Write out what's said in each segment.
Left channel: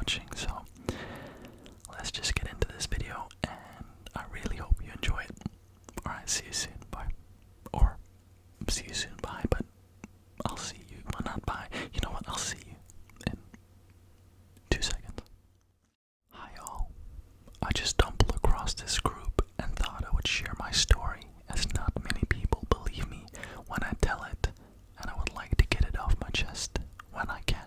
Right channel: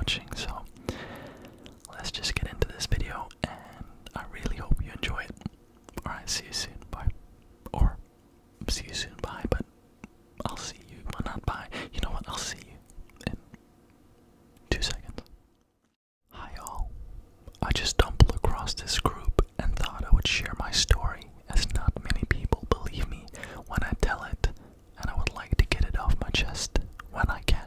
watching. So let's just get into this video, and I really hope you enjoy it. Alright, see you soon, bye. Or, see you soon, bye, but I'll see you, well, not bye. You know what, I'll see you in 2 seconds. Hi all, I just stumbled across this group and thought I would share my story, as not many people believe me when I tell it, and I would like to get it off my chest when I can.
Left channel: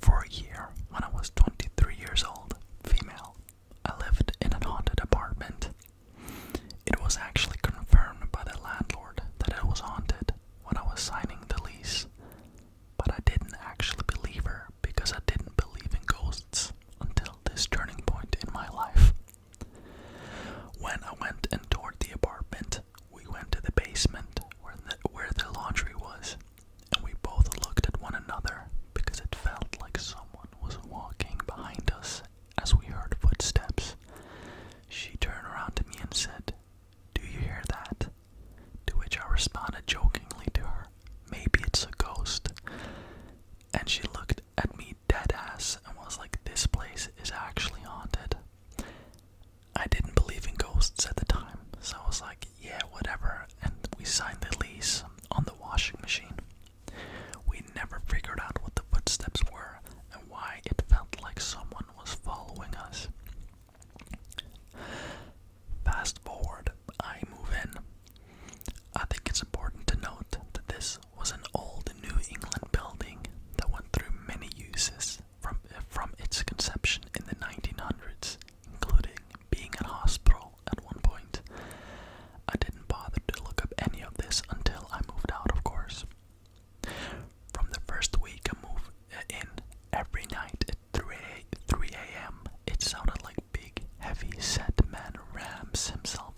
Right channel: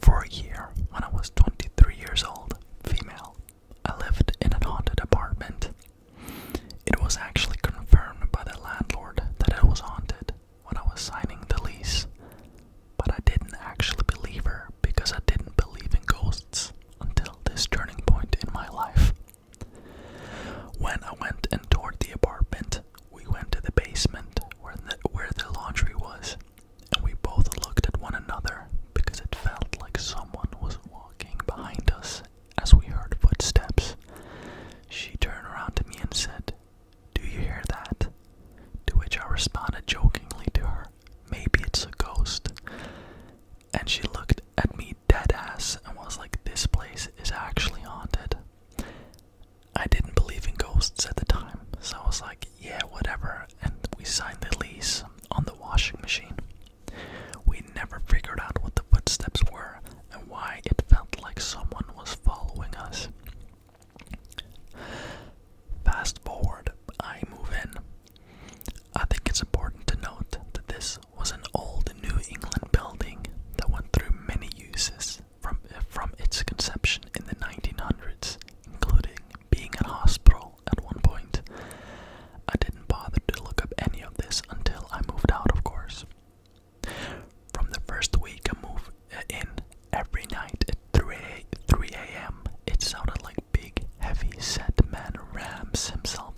For a year, when I was 23 years old, female, I lived in a haunted apartment. It was actually confirmed by the landlord that it was haunted when I was signing the lease, but I didn't actually believe her because I didn't believe in ghosts until this turning point in my life. When I went and toured the apartment, we went to the basement where the laundry was, and we both looked at one another because it felt like someone was walking behind us as we heard footsteps. She turned around to me and said, "Do you hear that?" To which I responded jokingly to her, "Maybe it's a ghost." And she looked at me dead ass and was like, "This place is actually haunted." I didn't believe in ghosts at the time, so I was like, yeah, whatever, and we signed the lease on the washing machine. We never figured out what the footsteps were and why it felt like someone was following us. Fast forward, I move in. I think it's important to note that this was an old New England building that went through many uses from its conception in the 1900s, including being a hospital at one point. I didn't bother to look up any of this until I moved out, of course. From the first week I moved in, every night at 3 a.m., it sounded like big, heavy-set man rams himself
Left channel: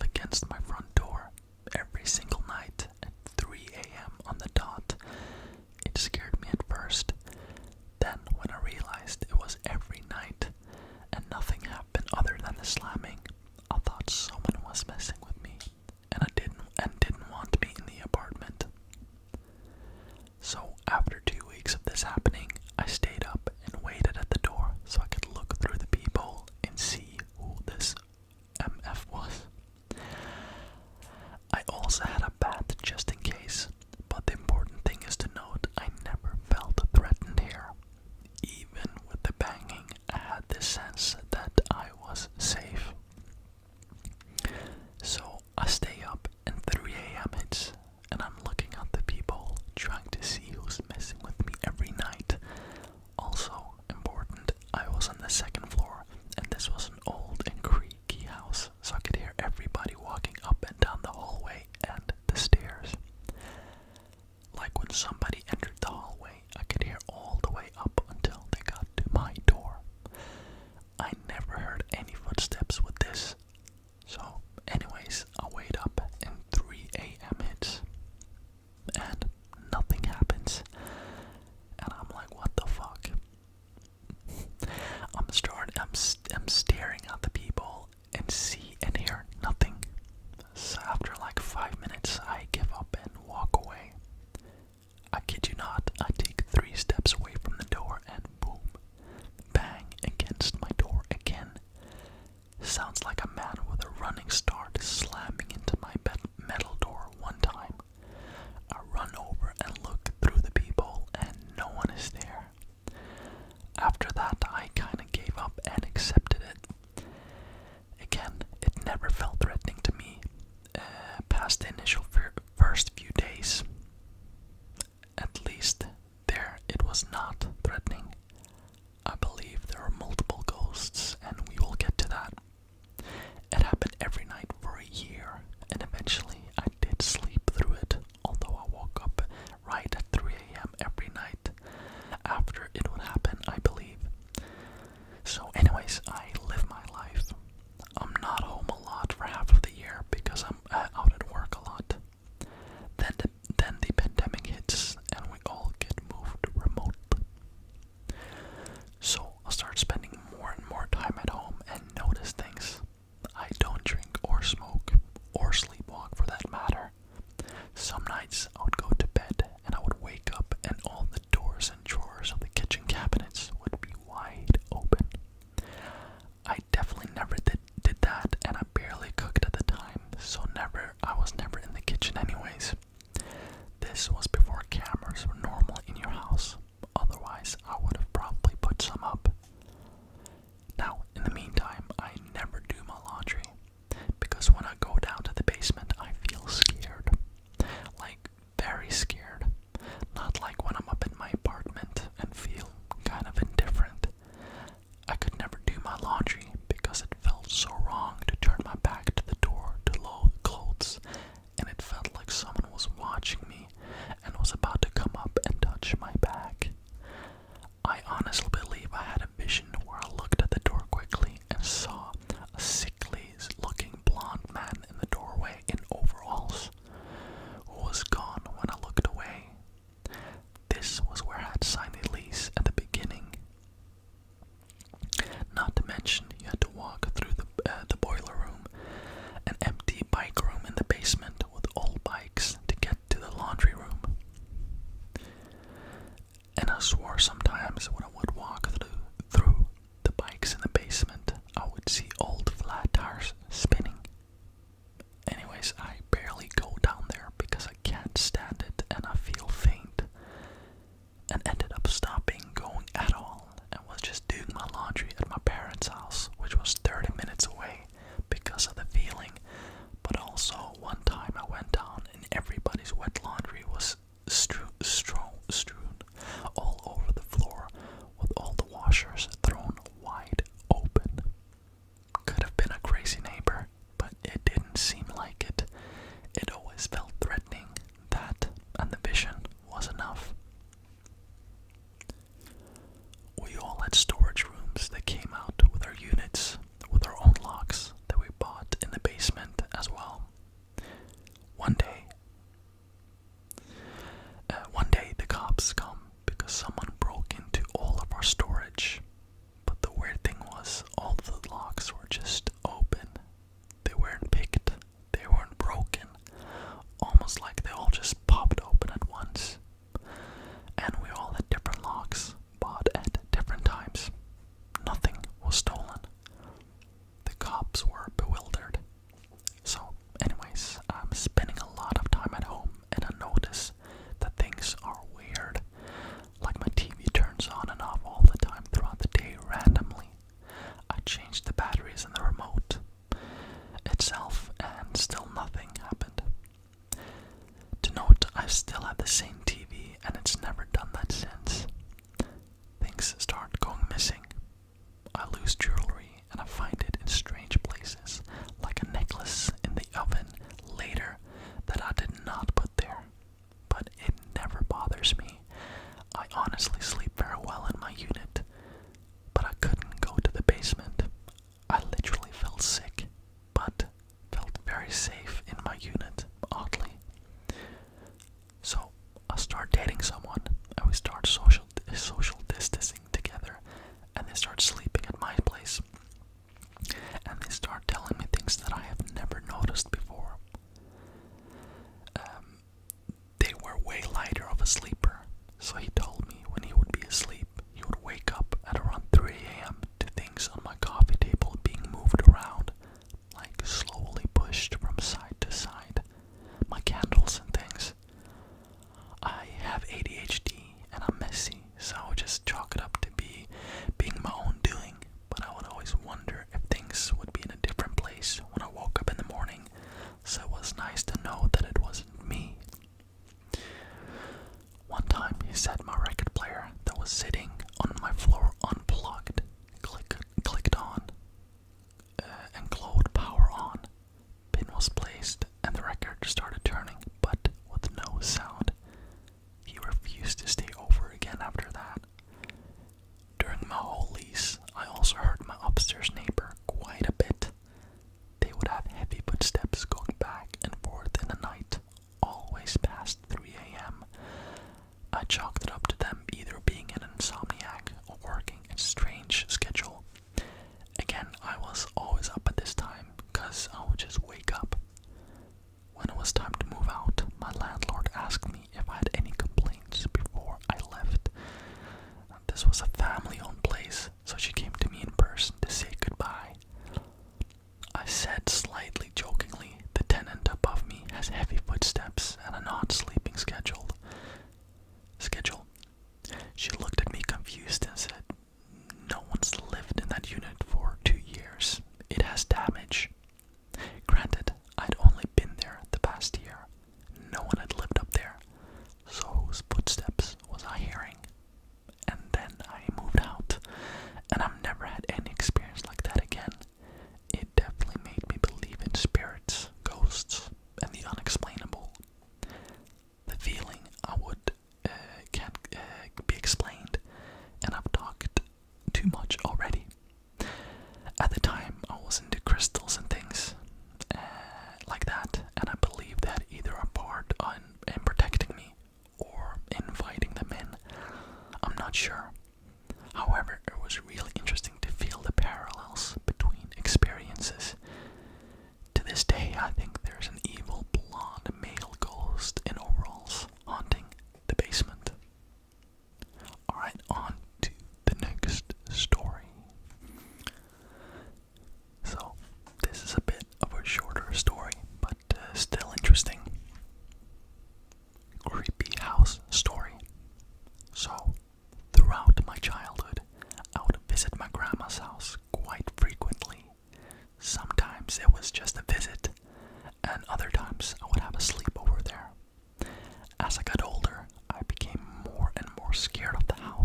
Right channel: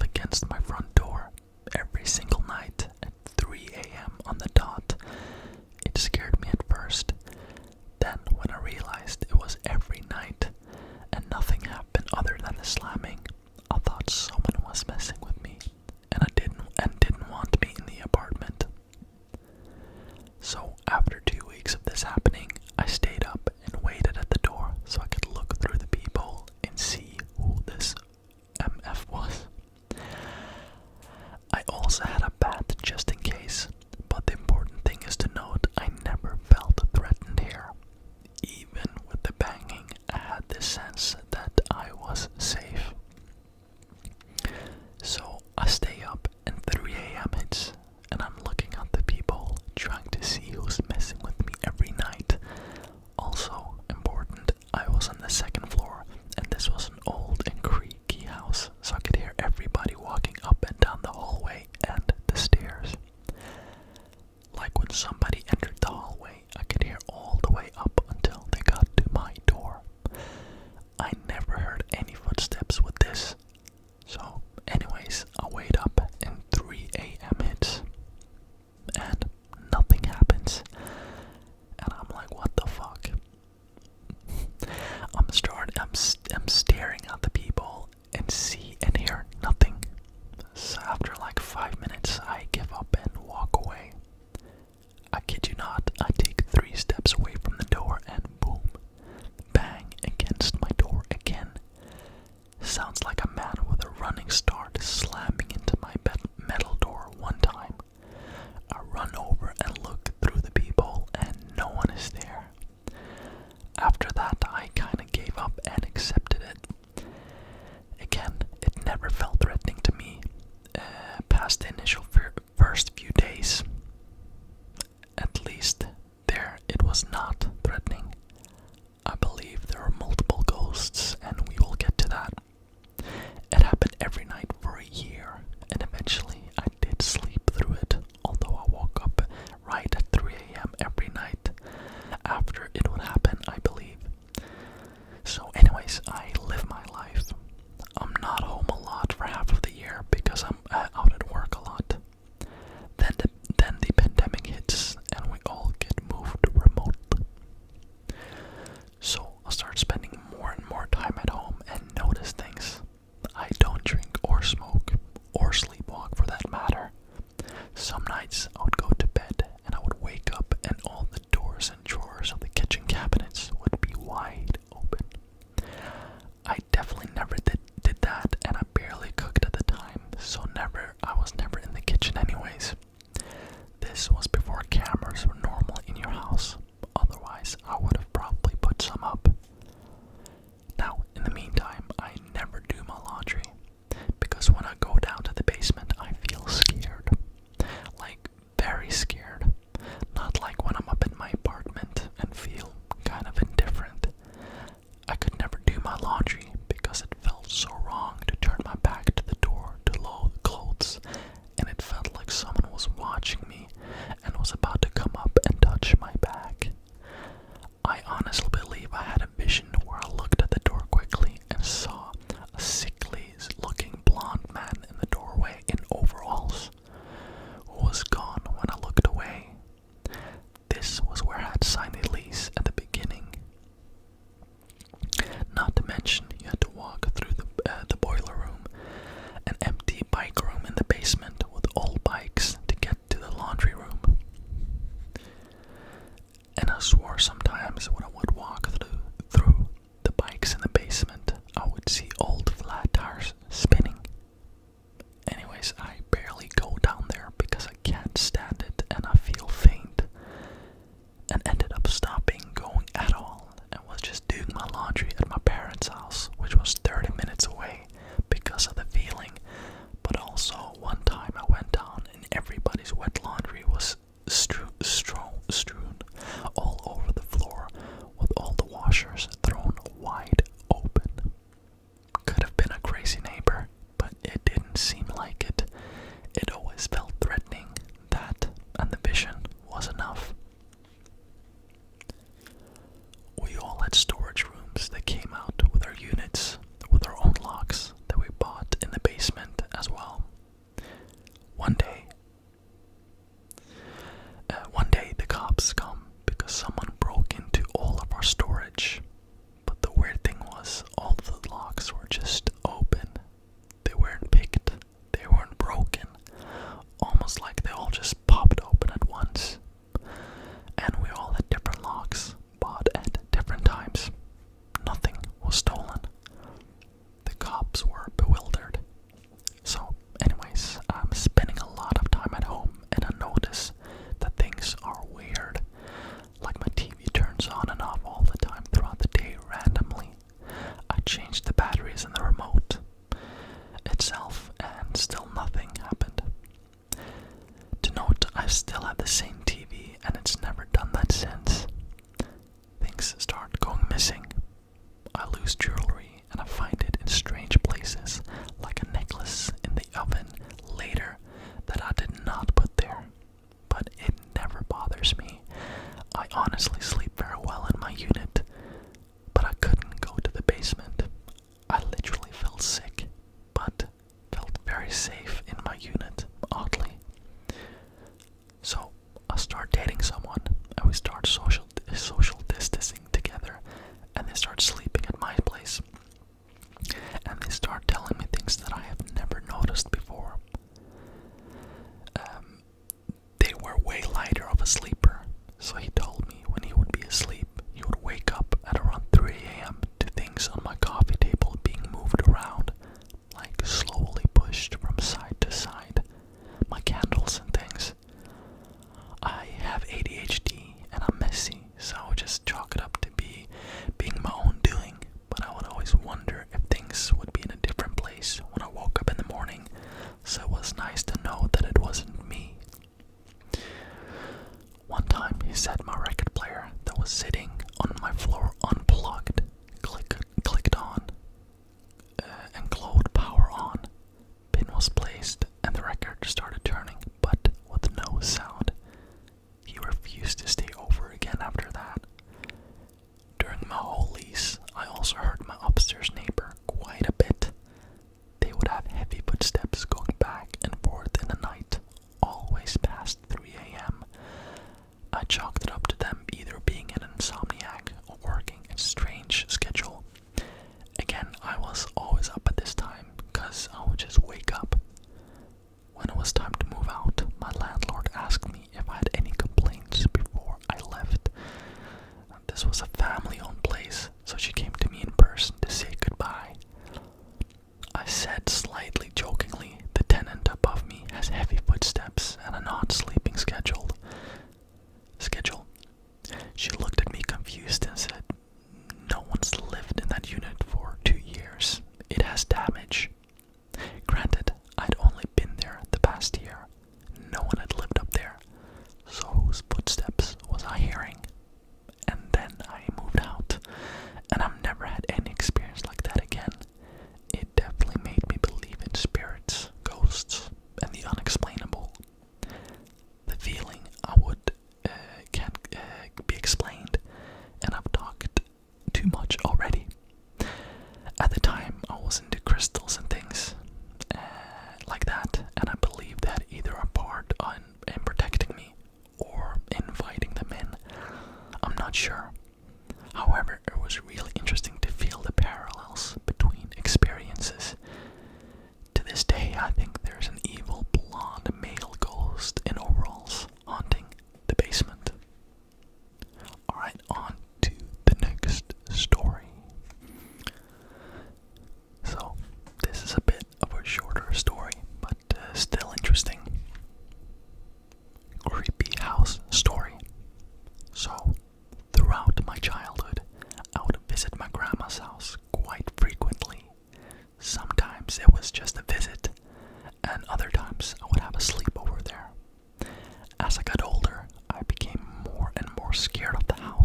I swore sometimes when I would walk through the bikes in the basement, I would see old flat tires spinning. Anyways, I barely go down there because I can't stand it and I feel faint. And ended up stopping going at all and was just doing my laundry at my parents' house, which was 30 minutes away because of the feeling. But also, one time I went down and everybody's wet laundry was strewn all over the floor with all the washers thrown wide open. Could have been a crazy neighbor, but it didn't seem like it. It always felt threatening. That and the vision was enough. We all had storage rooms that came out with our units, with our own locks that we bought in the basement as well. One day the cops come because someone broke into all of our storage. But the weird thing was, all of the locks were just open. They weren't picked, they weren't broken. Almost like they all just popped open at once. And we all had different locks, bought at different times. Nothing was stolen. The cops were bewildered. So, anyways, I'm spending a lot of time at home and I notice that things are weird. Like my TV turns on and off all the time throughout the day randomly. I changed the batteries in the remote itself and still nothing happened. To note, I still have the same TV and it's never done that since. Things start going missing. I lose jewelry and I find it in strange places, like a necklace in the oven later that I did not put there. But it never bothers me. I honestly sleep very well in my unit, but I couldn't go to the basement. I literally felt sick, but felt very safe in my unit, oddly. So I start dating someone and we start social distancing together, and they start sleeping at my place. And they start telling me things that I have never noticed before. They were way lighter of a sleeper, so he told me when he would be asleep, he would wake up at around 3 a.m. to things on my coffee table being moved around, like slowly pushed from side to side, my candles and things. I have ADHD and I'm messy, so I would just chalk it up to being my own doing, but I would always wonder if things would be in a different place when I woke up in the morning, so it was nice to know that it wasn't me. One time he said my record player that was sitting on my floor unplugged, clicked on, and glowed power on. Pin was placed and the record started turning, but with no sound. He refused to stay over again after that. During my whole lease, I also heard my upstairs neighbor quite a bit. They would have heavy footsteps going back and forth in the night, always past 3 a.m. I chalked it up to them either being an insomniac or working a strange schedule. Again, I was always up at this time because I would just wake up. When it was time to move out, my landlord asked me if I had any complaints before I left. This was a family-owned place, so she came to me in person to say goodbye. I said slightly jokingly, the tenant above me has heavy footsteps and a not-sleeping schedule. She looked at me confused and said, "No one's lived in that unit for 2 years. It has damage." Granted, I'd only been there the past year. No one had lived up there. So whose footsteps was I hearing? And then I moved out, and I've never had any experience like that again. It definitely made me believe in spirits, ghosts, and the unexplainable. The feeling I would can't be explained, and I've talked too much already. At the time, I was into crystals and things like that, and I believe that either a part in protecting me or inviting them in. I'm not sure. However, it was really interesting to feel the parallels between experiences. To this day, I think there's an evil blonde male ghost in overalls haunting the basement.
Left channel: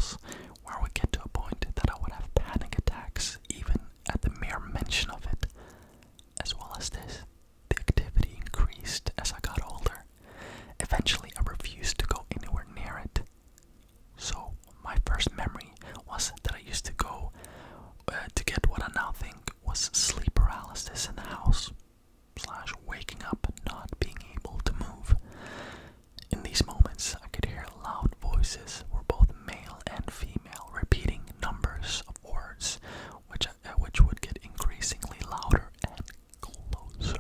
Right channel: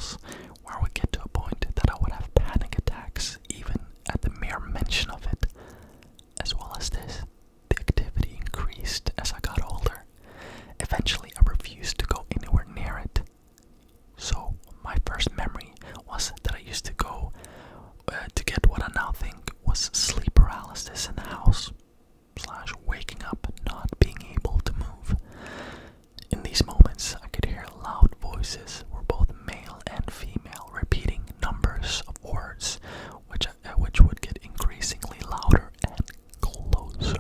house where I would get to a point that I would have panic attacks even at the mere mention of it. As well as this, the activity increased as I got older. Eventually, I refused to go anywhere near it. So, my first memory was that I used to go to get what I now think was sleep paralysis in the house, / waking up and not being able to move. In these moments, I could hear loud voices, were both male and female, repeating numbers of words, which would get increasingly louder and closer.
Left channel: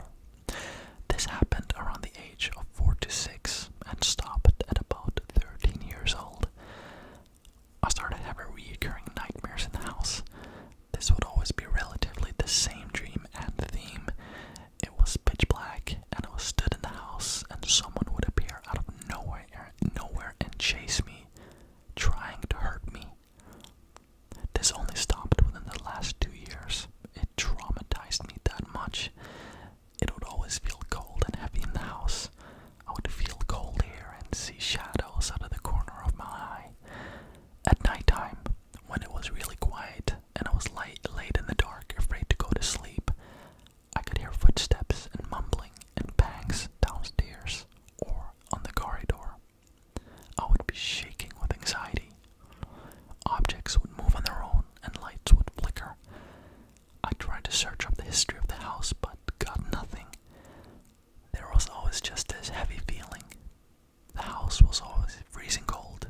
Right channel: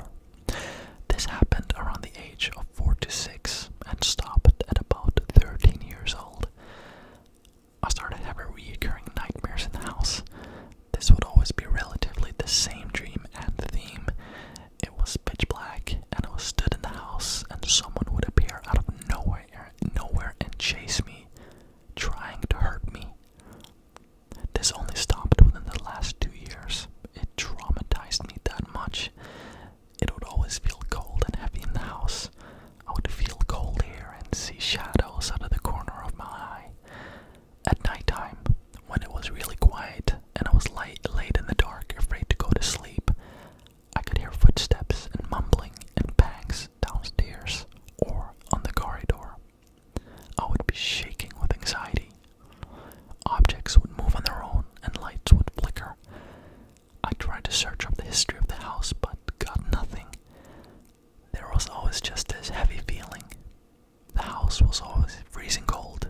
This happened around the age of 4 to 6 and stopped at about 13 years old. I started having recurring nightmares in the house. This would always be relatively the same dream and theme. It was pitch black, and I was stood in the house, and someone would appear out of nowhere and chase me, trying to hurt me. This only stopped within the last 2 years. It traumatized me that much. It would always feel cold and heavy in the house. I would feel cold air and see shadows out of the corner of my eye. At nighttime, when it was really quiet and I was laid in the dark, afraid to go to sleep, I could hear footsteps and mumbling and bangs downstairs or on the corridor. I would be shaking with anxiety. Objects would move on their own and lights would flicker. I tried to search up the history of the house but got nothing. There was always just this heavy feeling. The house was always freezing cold,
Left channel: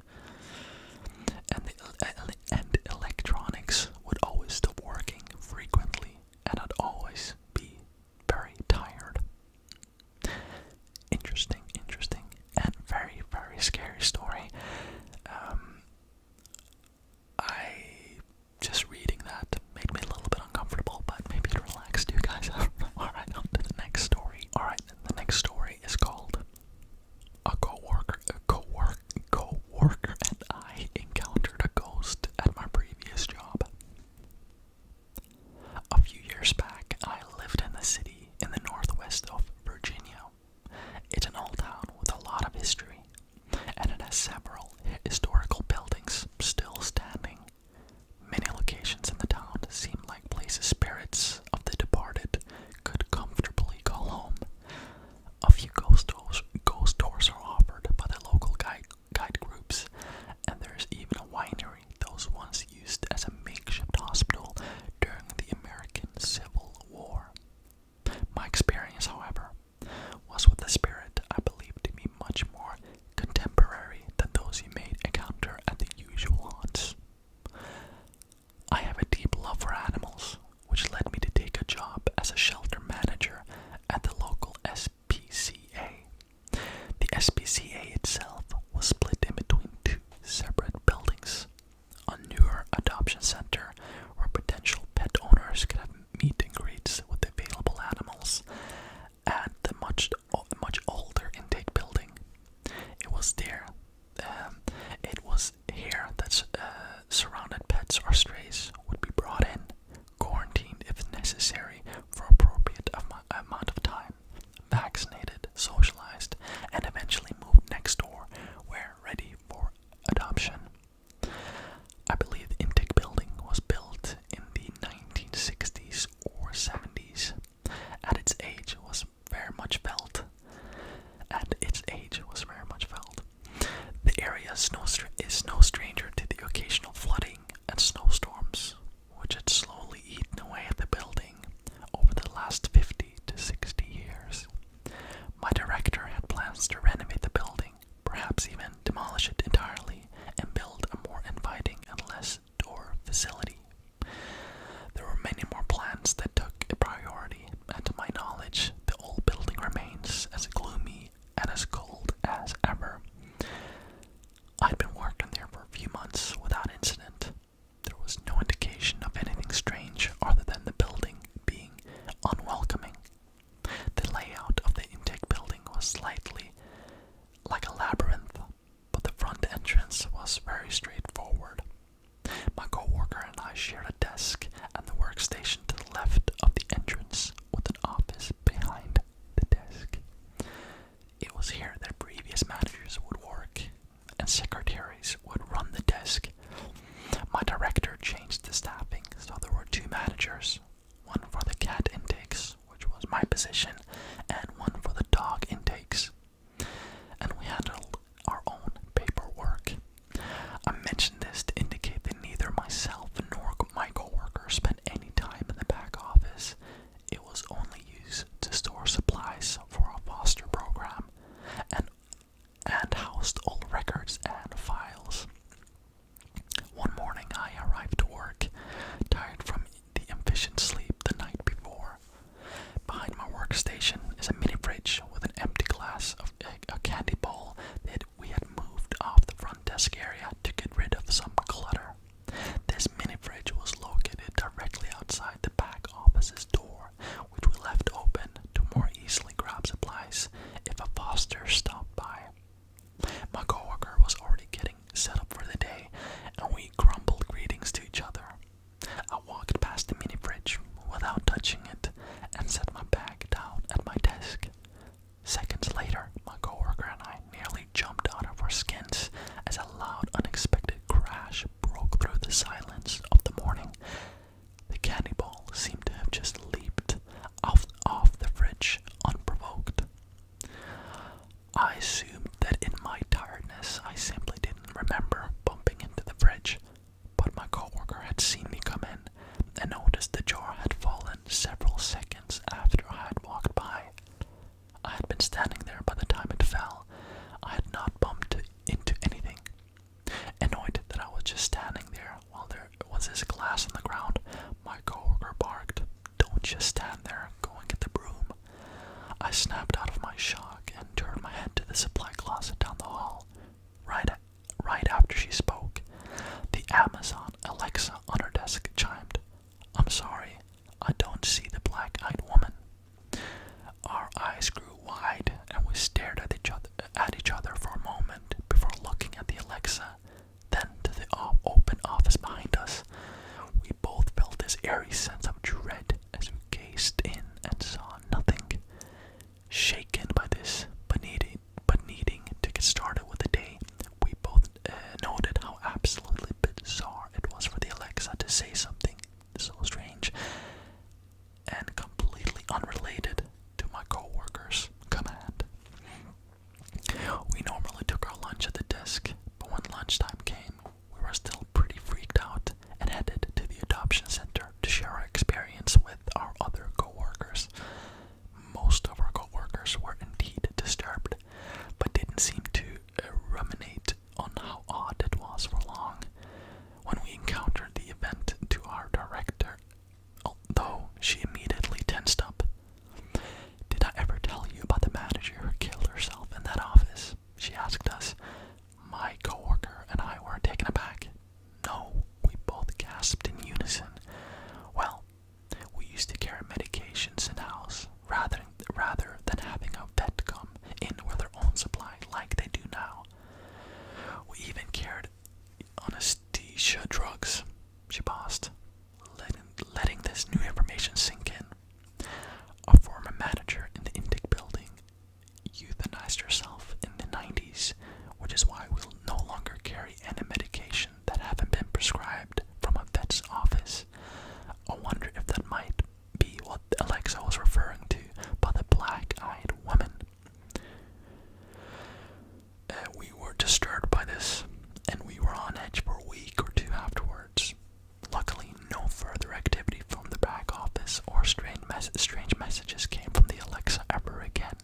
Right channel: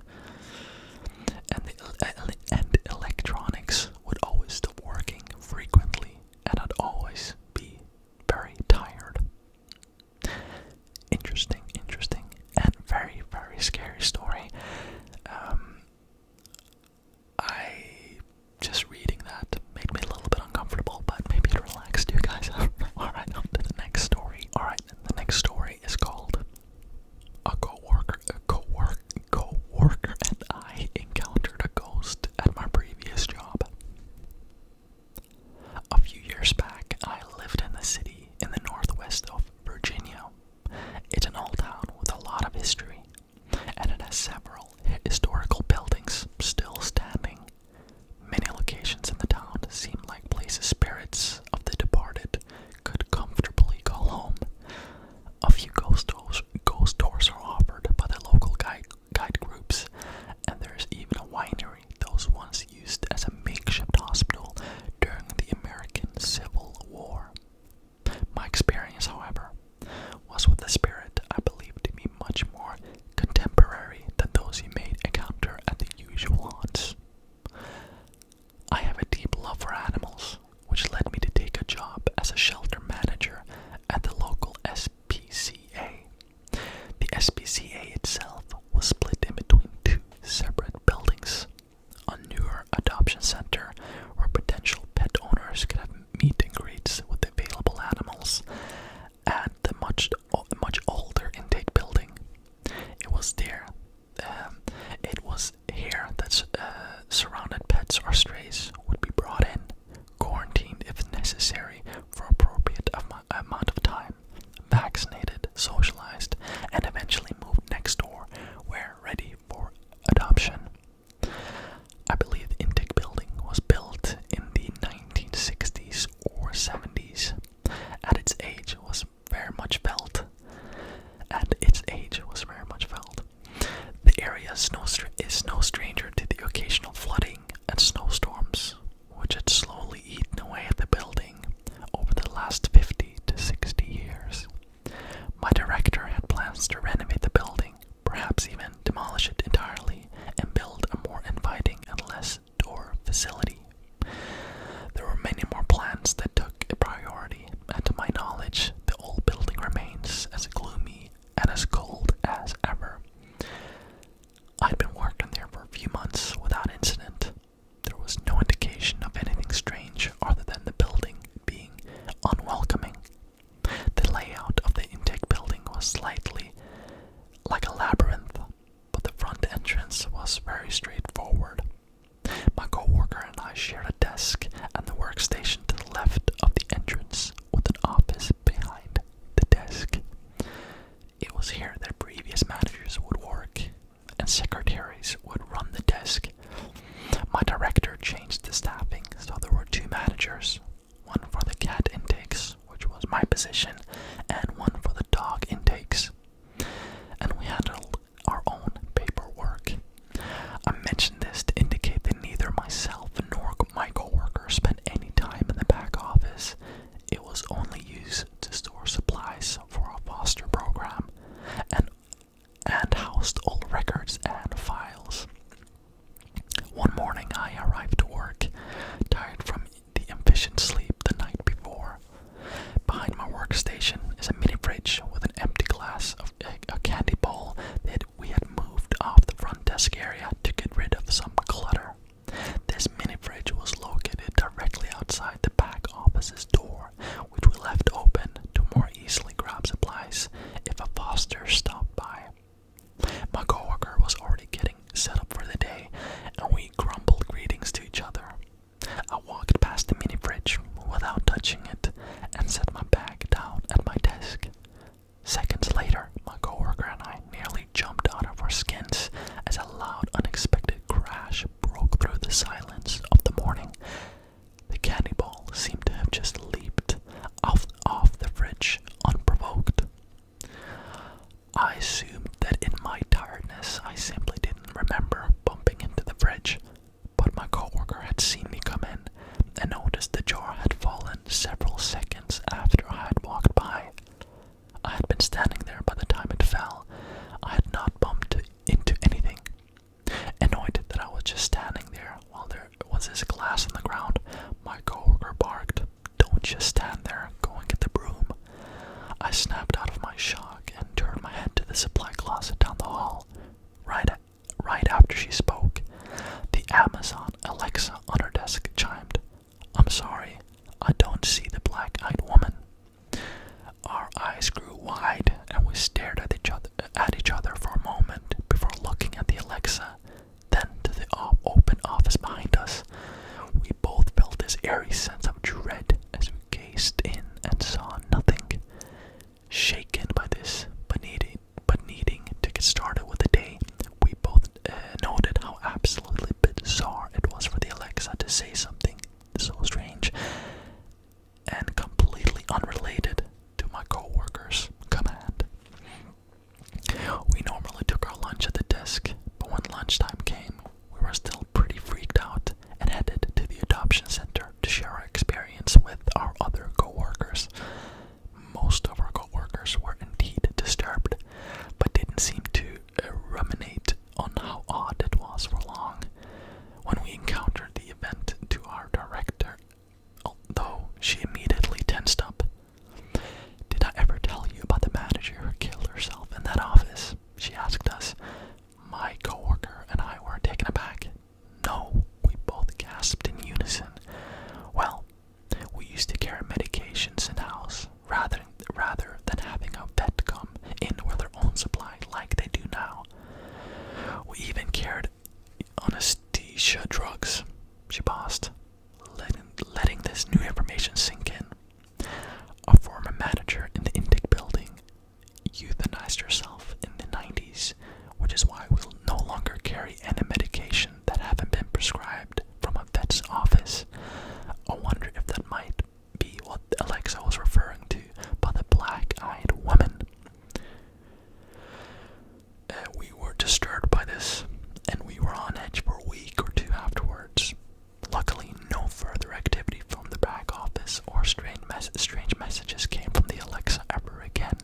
and the electronics would always stop working frequently, and I'd always be very tired. Interesting, and very, very scary story. I just reading that made me a little bit uncomfortable, but maybe it relaxed you guys. I don't know. Alright, on to the next story. Alright, the next story is called A coworker and I encountered a ghost at my previous job. A few years back, I lived in the city in the northwest of Virginia. It's an old town with a lot of history, and it has several historical buildings still standing. Many locations in the town seem like places spirits of the departed could comfortably call home. A few ghost tours are offered by the local guide groups, and there's even a winery that was once used as a makeshift hospital during the American Civil War. My experience, however, was with a spirit I believe to be much more contemporary than those you may encounter at the usual haunts. I have a deep love for animals, which led me to take a job as a shelter manager at the local SPCA. The SPCA itself was split in between 2 separate buildings: a newer adoption center where potential pet owners could have meet and greets with available animals, and the much older intake building. It was here that surrounded pets or strays would be brought in, quarantined if necessary for appropriate amount of time, vaccinated, socialized, and eventually moved next door where ready for adoption. I believe the intake building was built in the 1960s or 70s. At its age was very much felt. The area is no stranger to the occasional flooding and snowstorms, which had slowly eaten away at the building over the last 50 to 60 years. My director had plans to renovate the building, perhaps even demolish it entirely and build a more inviting and less door facility. There were many more plans that took a priority, and to my knowledge, the old building remains as gloomy and as cold as ever. I'd been working there for a few months without incident. There was no indication of anything strange other than the building being unwelcoming. The layout of the intake building was slightly like a labyrinth, but the front entrance was very straightforward. My coworker and I shared a desk and the workstation to the left of the entrance, with an office behind the desk. It was here that previous managers would work, and secretaries would run the desk, the silence of the morning, the candy ball seemed to have just leaped off the fridge unprovoked. I assumed that in my tiredness I simply didn't remember bumping into the fridge, but my coworker had seen me come in and noticed the jar had fallen several seconds after I had walked by. I had been standing there by the time it fell. I had not bumped into anything. Annoyed that I was just standing there while there was this glass on the ground, my coworker barked, "Don't just stand there, go and get the broom." I snapped out of my shock and turned my head to the supply closet down the hall. Right after she spoke, the Amazon Alexa on her desk chimed. "I'm sorry, I don't see the black-eyed woman." Our eyes grew wide and we stared at each other for a moment before looking at the Alexa, then to the open office behind us. We both felt this eerie sense of dread as we gazed in and saw nothing. Shaken by this, but needing to get started with the day, we both noted how absolutely bizarre it was for the Alexa to say something so strange and completely unrelated to my coworker's command. We normally took our lunch at the desk, but when lunchtime came, we were still pretty freaked out and headed to the adoption center to share our experience with our other coworkers. Most of our coworkers were indeed disturbed, but didn't seem to ruminate on how odd it was for long. When we encountered the event to our director, although she immediately tensed up. "Did I ever tell you about the manager who killed herself in that office?" she asked us. My coworker and I were taken aback. "No," we both gasped in unison. "Well, we used to carry medications in-house rather than having a vet come in with their own supply like they do now. We even carried anesthesia drugs." She paused, letting this new information sink in. A former manager in the intake building euthanized herself in the 90s, which is why we'll no longer carry any medication that haven't been prescribed from a vet's office. I wonder if that might be what Alexa was referring to by the black-eyed woman. We were disturbed by this, and we were on edge for a week or two afterwards. Luckily, no further activity from the back office or strange messages came from the Alexa ever again.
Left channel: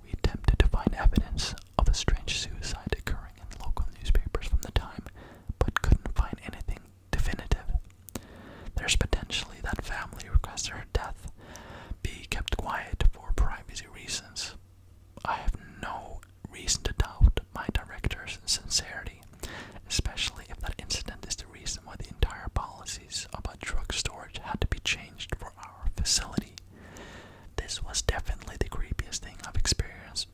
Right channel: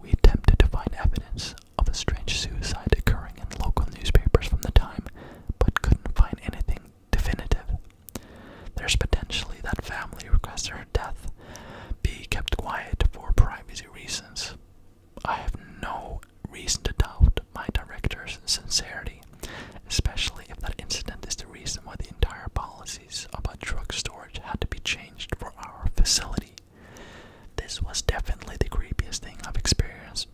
We attempted to find evidence of a strange suicide occurring in local newspapers from the time, but couldn't find anything definitive. There's potentially that family requested her death be kept quiet for privacy reasons. I have no reason to doubt my director's sincerity, especially if that incident is the reason why the entire policies about drug storage had to be changed for our facility. This was definitely the creepiest thing I've experienced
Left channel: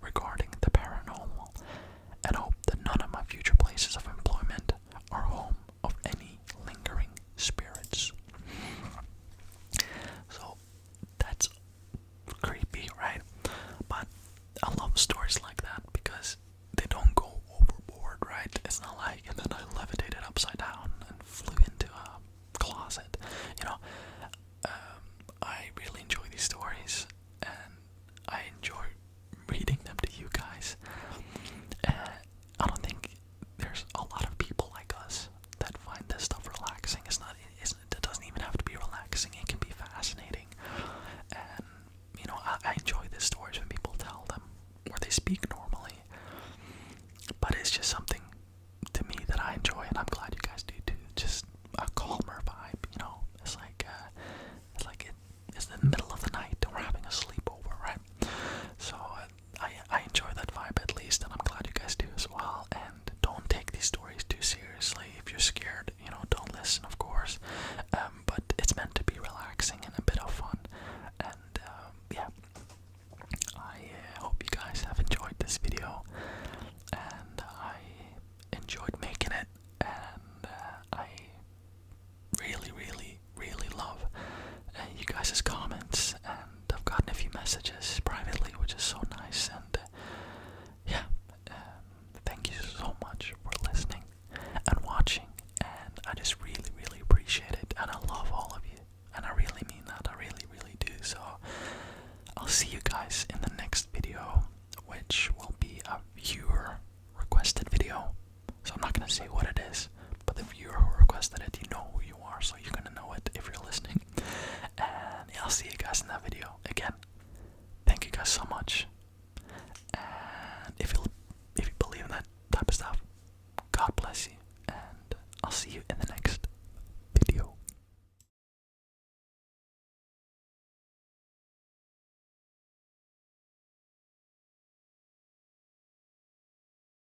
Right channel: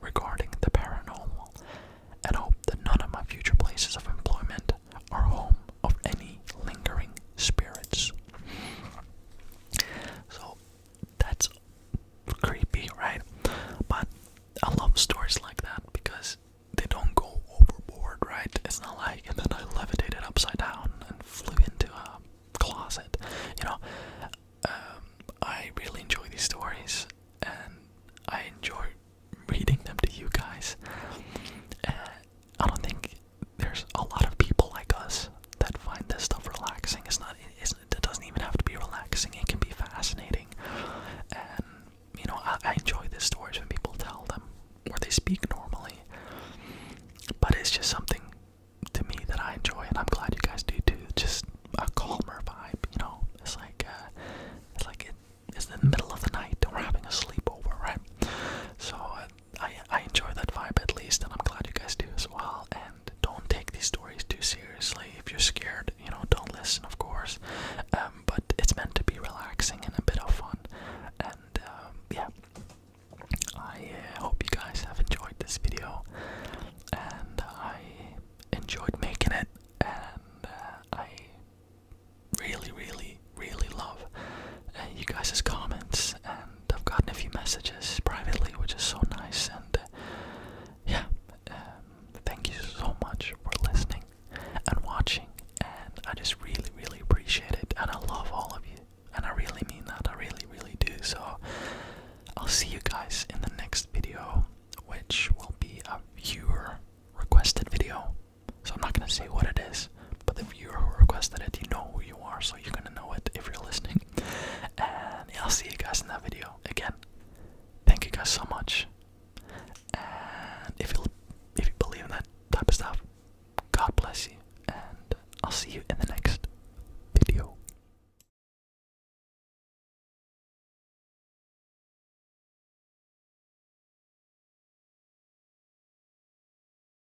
regarding the paranormal, and hope that none of my future places of employment are home of any lingering spirits. So that's creepy, right? But I love stories like that because they don't go overboard, right? It's not like, and then I levitated upside down and flew into a closet. I really enjoy these stories, and I enjoy reading them to you guys. I don't think there's a lot of people like us that find this stuff relaxing. It doesn't even have to be relaxing. It can be fascinating, and I enjoy these stories when people tell them where they speak normally. But it's just something to me that I enjoy, and I'm glad you guys do too. Just a calmer vibe, it's in the middle of the night and we're having a sleepover, right? So I enjoy that vibe at least, and I'm glad you guys do as well. And don't take these stories too seriously. If you're scared, don't listen, of course. But it's meant to be relaxing and a bit of fun. And yeah, I hope you guys have enjoyed this video, and I enjoyed making it, and I really, really, really love you guys' comments, and I've gotten a few messages privately, which is so nice. And yeah, thank you so much for listening and watching, gonna say what it is, but the viewer who requested it, you know who you are, so you're gonna know it if you're listening. And yeah, I'll see you guys in that video. Again, thank you guys so much.